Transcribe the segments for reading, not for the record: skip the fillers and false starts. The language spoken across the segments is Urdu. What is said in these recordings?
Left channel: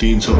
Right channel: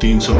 300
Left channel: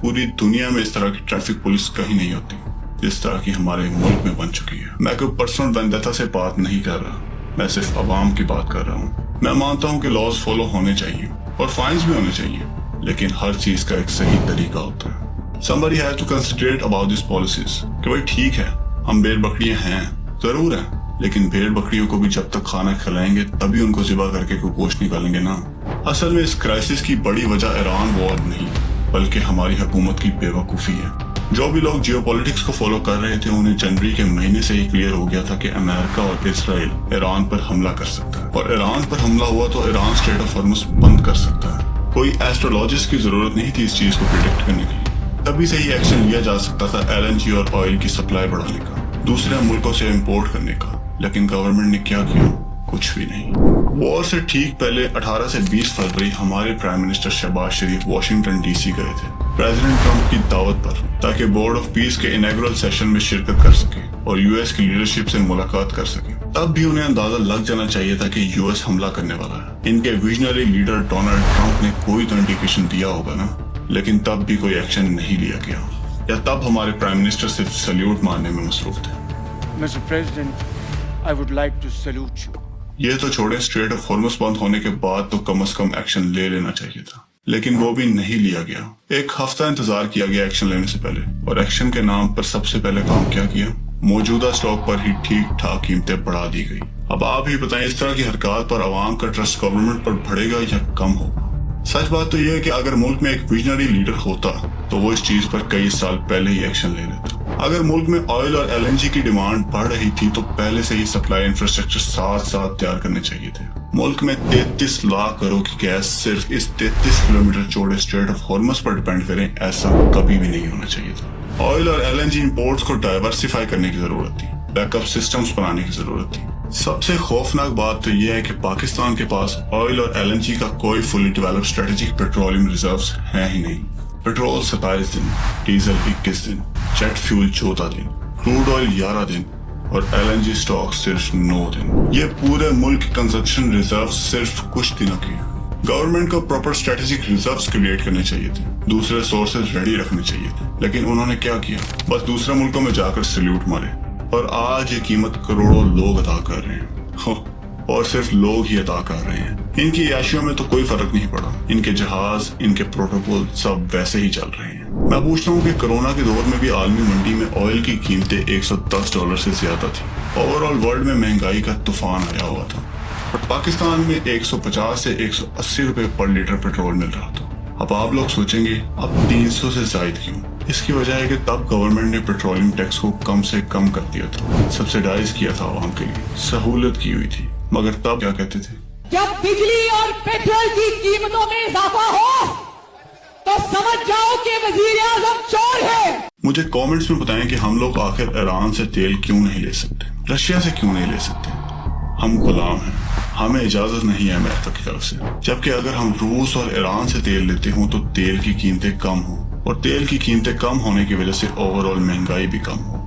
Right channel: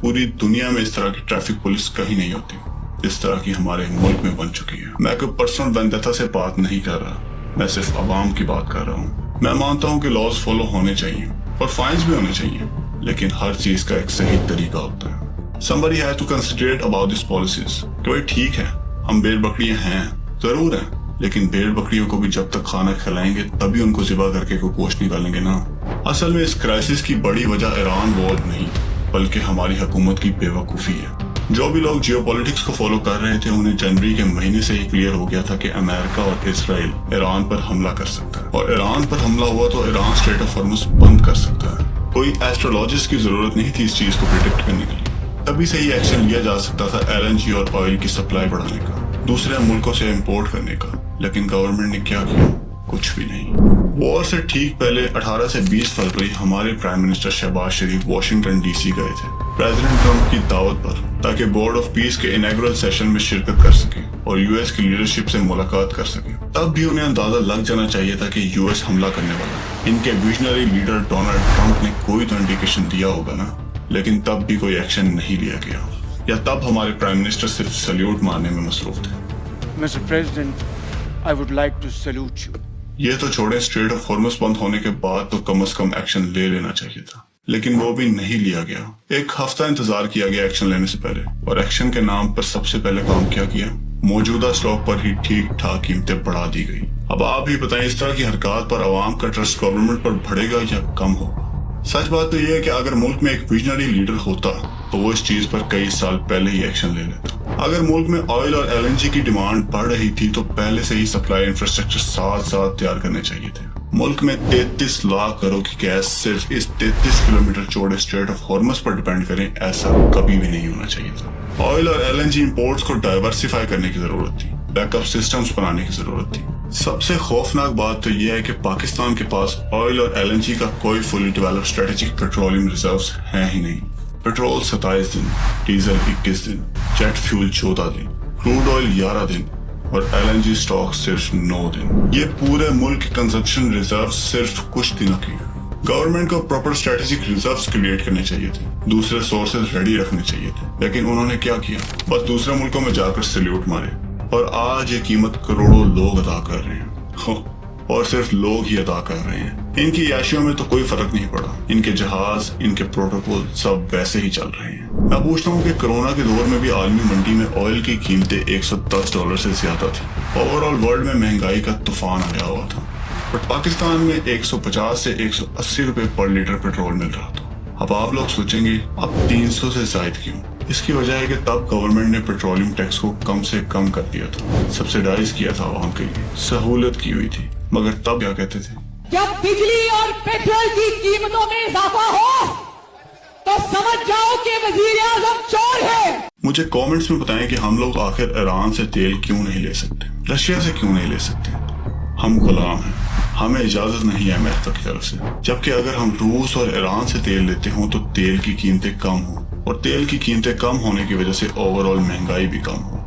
پوری دنیا میں اس طرح کی ٹریفک پولیس کہیں نہیں ہوتی جس طرح کی ہمارے ملک میں بن چکی ہے. میں کوئی پرسنل ویندتا سے بات نہیں کر رہا, میں صرف عوام کی بات کر رہا ہوں. میں مانتا ہوں کہ لاز فالو ہونے چاہیے اور فائنز بھی ہونے چاہیے, لیکن ہر چیز کا ایک صحیح طریقہ ہوتا ہے. Somebody has to consider about these policies. کہ بھائی ٹھیک ہے, ہم بھیڑ بکریاں ہیں, ضرور ہیں, لیکن بھیڑ بکریوں کو بھی جب تک کھانا کھلائیں گے تبھی ان کو ذبح کر کے کوئی گوشت نکالیں گے نا. اصل میں اس کرائسس کی بڑی وجہ ایران وار نہیں بلکہ ہماری حکومت کی بے وقوفی ہے. جو بھی لوگ جیو پولیٹکس کو فالو کر رہے تھے انہیں جنوری کے مہینے سے ہی کلیئر ہو گیا تھا کہ امریکہ اور اسرائیل ایران پر حملہ کر سکتا ہے, اور ایران پر حملہ ہوا تو ایران اسٹریٹ آف ہارمز بند کر سکتا ہے. کوئی ایسٹرولوجسٹ کی ضرورت نہیں تھی اس چیز کو پریڈکٹ کرنے کے لیے. تبھی سے ہی ایکشن لیا جا سکتا تھا LNG اور آئل کی سپلائی بڑھانے کا, دوسرے ملکوں سے امپورٹ کرنے کا, لیکن گورنمنٹ نے کیا کیا؟ کچھ بھی نہیں. وار سے ٹھیک پہلے 18 سے 20 فروری ہمارے پرائم منسٹر شہباز شریف واشنگٹن DC گئے تھے پریزیڈنٹ ٹرمپ کی دعوت پر, تاکہ بورڈ آف پیس کے انیگرل سیشن میں شرکت کر سکے اور US کی لیڈرشپ سے ملاقات کر سکے. تب بھی انہیں اندازہ لگ جانا چاہیے تھا کہ US حملہ کرنے والا ہے. ان کے ویژنری لیڈر ڈونلڈ ٹرمپ نے کوئی تو انڈیکیشن دیا ہوگا نا, لیکن تب بھی کوئی ایکشن نہیں لیا گیا, یا تب ہمارے پرائم منسٹر صرف سلیوٹ مارنے میں مصروف تھے. Mr. President, I would like to salute you. یہ تو چھوڑیں, اسٹریٹ آف ہارمز بند ہونے کے بعد تو کم از کم ایکشن لے لینا چاہیے تھا, لیکن وہ بھی نہیں لیا گیا. ایک ہفتہ انتظار کیا گیا ایکشن لینے سے پہلے, اور ایکشن کے نام پر سب سے پہلے کام کیا کیا؟ موجودہ سٹاک پر ہی ٹھیک ٹھاک قیمتیں بڑھا دی گئی. اب آپ ہی بتائیں اس طرح کی حرکات پر عوام کا ٹرسٹ گورنمنٹ پر بڑھے گا یا کم ہوگا؟ سچ بات تو یہ ہے کہ اگر ملک میں ایک ویژنری لیڈر ہوتا تو وہ اس چیز پر کئی سال پہلے ہی ایکشن لے لیتا. اگر ملک میں آئل اور LNG کی ڈیمانڈ بڑھ رہی تھی تو پہلے سے ہی سپلائی انفراسٹرکچر ساتھ تیار کرنے چاہیے تھے. ملک میں 33 لاکھ کروڑ کی گیس صرف اس 33 کلومیٹر چوڑے اسٹریٹ آف ہارمز پر ڈیپینڈ کریں, ایسا کبھی بھی نہیں ہونا چاہیے تھا. آئل اور LNG امپورٹس کو ڈائیورسیفائی کرنے کی ضرورت تھی, بیک اپ سسٹمز بنانے کی ضرورت تھی. سب سے خوفناک بات تو یہ ہے کہ پاکستان کے پاس آئل اور LNG کا کوئی فلی ڈیولپ اسٹریٹجک پیٹرولیم ریزروز ہے ہی نہیں. پیٹرول 27 دن, ڈیزل 21 دن, جیٹ فیول 14 دن, کروڈ آئل 11 دن اور LNG سٹاک صرف 9 دن. یہ پورے ملک کی کنزمپشن ریزرو صرف کچھ دنوں کی. گورنمنٹ کو پراپر اسٹریٹجک ریزروز کریٹ کرنے چاہیے تھے, دوسرے سورسز ریڈی رکھنے چاہیے تھے, لیکن انہوں نے کیا کیا؟ بس دوسرے ملکوں میں جا کر سلیوٹ مارے, اور آج یہ قیمت کروڑوں لوگ ادا کر رہے ہیں, اور صرف لوگ ہی ادا کر رہے ہیں. ان کی عیاشیوں میں تو کوئی فرق نہیں پڑا, ان کے جہاز, ان کے پروٹوکول سب ویسے ہی چل رہے ہیں. میں پوچھتا ہوں کہ کرونا کے دور میں بھی عالمی منڈی میں آئل کی قیمتیں $110 سے زیادہ تھی. اوور آل ورلڈ میں مہنگائی کا طوفان آیا ہوا تھا, اور پاکستان میں 150 سے 180 روپے پر لیٹر پیٹرول مل رہا تھا. اب آپ لوگ سوچیں گے اب 300 سے زائد کیوں؟ اس کی وجہ ہے کہ تب گورنمنٹ نے پیٹرولیم ٹیکس کو کم سے کم کر دیا تھا, سبسیڈائز کیا تھا عوام کے لیے, سہولت کی ہوئی تھی. مگر تب کیا کہتے تھے؟ جب بجلی اور پیٹرول کی قیمتوں میں اضافہ ہو تو سمجھ جاؤ کہ وزیر اعظم چور ہے. مجھے کامنٹس میں بتائیں کہ ہم لوگ آخر ایران سے تیل کیوں نہیں لے سکتے, رشیا سے کیوں نہیں لے سکتے؟ ہم غلام ہیں, ہمیں اجازت نہیں ہے امریکہ کی طرف سے. جبکہ اگر ہم روس اور ایران سے تیل لیتے ہوں تو تیل کی قیمتیں کم ہوں, اور تیل کی قیمتیں کم ہونے کی وجہ سے اوور آل مہنگائی بھی کم ہو.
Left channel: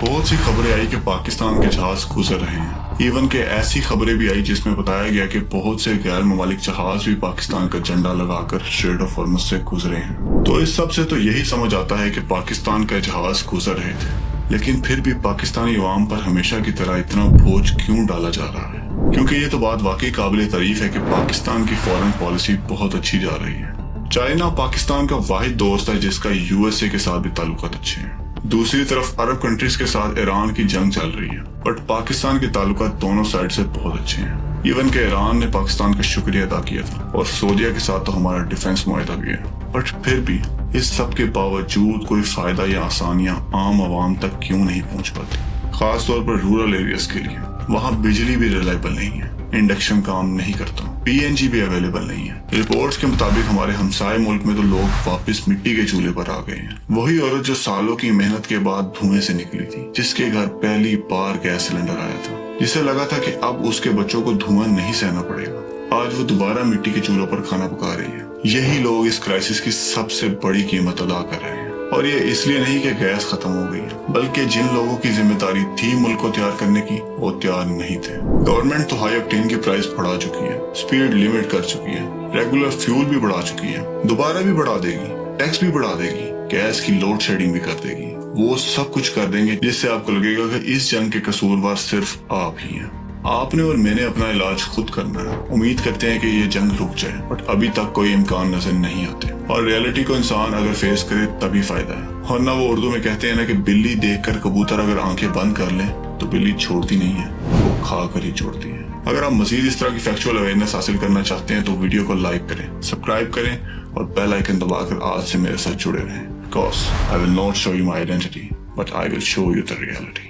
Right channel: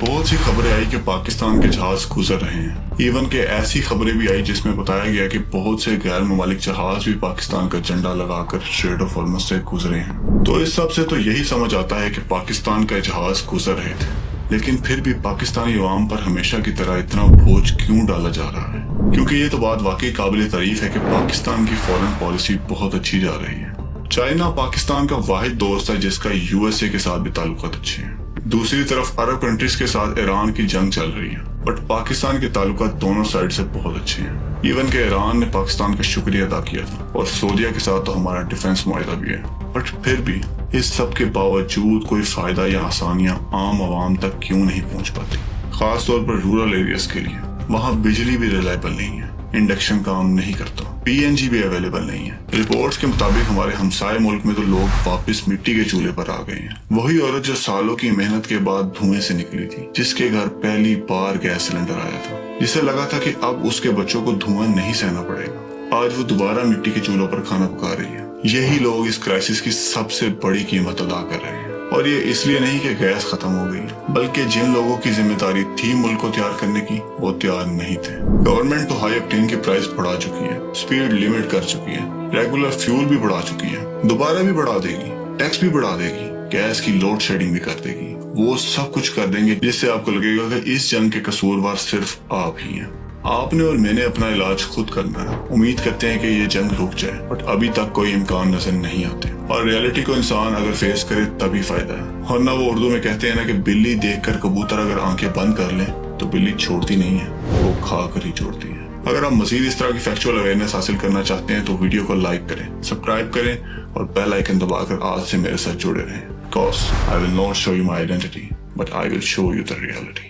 بہت سی خبریں آئی کہ پاکستان کے جہاز گزر رہے ہیں, ایون کہ ایسی خبریں بھی آئی جس میں بتایا گیا کہ بہت سے غیر ممالک جہاز بھی پاکستان کا جھنڈا لگا کر اسٹریٹ آف ہارمز سے گزرے ہیں. تو اس سب سے تو یہی سمجھ آتا ہے کہ پاکستان کے جہاز گزر رہے تھے, لیکن پھر بھی پاکستانی عوام پر ہمیشہ کی طرح اتنا بوجھ کیوں ڈالا جا رہا ہے؟ کیونکہ یہ تو بات واقعی قابل تعریف ہے کہ پاکستان کی فورن پالیسی بہت اچھی جا رہی ہے. چائنا پاکستان کا واحد دوست ہے جس کا USA کے ساتھ بھی تعلقات اچھے ہیں. دوسری طرف عرب کنٹریز کے ساتھ ایران کی جنگ چل رہی ہے, بٹ پاکستان کے تعلقات دونوں سائڈ سے بہت اچھے ہیں. ایون کہ ایران نے پاکستان کا شکریہ ادا کیا تھا, اور سعودیہ کے ساتھ تو ہمارا ڈیفنس معاہدہ بھی ہے. بٹ پھر بھی اس سب کے باوجود کوئی فائدہ یا آسانیاں عام عوام تک کیوں نہیں پہنچ پاتی, خاص طور پر رورل ایریاز کے لیے. وہاں بجلی بھی ریلائبل نہیں ہے, انڈکشن کام نہیں کرتا, PNG بھی اویلیبل نہیں ہے. رپورٹس کے مطابق ہمارے ہمسائے ملک میں تو لوگ واپس مٹی کے چولہے پر آ گئے ہیں. وہی عورت جو سالوں کی محنت کے بعد دھوئیں سے نکلی تھی, جس کے گھر پہلی بار گیس سلنڈر آیا تھا, جسے لگا تھا کہ اب اس کے بچوں کو دھواں نہیں سہنا پڑے گا, آج وہ دوبارہ مٹی کے چولہوں پر کھانا پکا رہی ہے. یہی لوگ اس کرائسس کی سب سے بڑی قیمت ادا کر رہے ہیں, اور یہ اس لیے نہیں کہ گیس ختم ہو گئی ہے، بلکہ جن لوگوں کی ذمہ داری تھی ملک کو تیار کرنے کی وہ تیار نہیں تھے۔ گورنمنٹ تو ہائی آکٹین کی پرائس بڑھا چکی ہے، سپیڈ لیمٹ کر چکی ہے، ریگولر فیول بھی بڑھا چکی ہے، دوبارہ بھی بڑھا دے گی، ٹیکس بھی بڑھا دے گی، گیس کی لوڈ شیڈنگ بھی کر دے گی۔ وہ سب کچھ کر دیں گے جس سے آپ کو لگے گا کہ اس جنگ کے قصوروار صرف آپ ہی ہیں۔ آپ نے اور میں نے اپنا علاج خود کرنا ہے۔ امید کرتے ہیں کہ یہ جنگ رک جائے، بٹ ابھی تک کوئی امکان نظر نہیں آتے، اور ریئلٹی کو انسان اگر فیس کرے تبھی فائدہ ہے۔ اور نہ وہ اردو میں کہتے ہیں نا کہ بلی دیکھ کر کبوتر اگر آنکھیں بند کر لے تو بلی چھوڑتی نہیں ہے، وہ کھا کر ہی چھوڑتی ہے۔ اگر آپ مزید اس طرح کی فیکچوئل اویئرنیس حاصل کرنا چاہتے ہیں تو ویڈیو کو لائک کریں، سبسکرائب کریں اور بیل آئیکن دبا کر آج سے میرے ساتھ جڑے رہیں۔ Because I will not show you my identity, but I will show you the reality.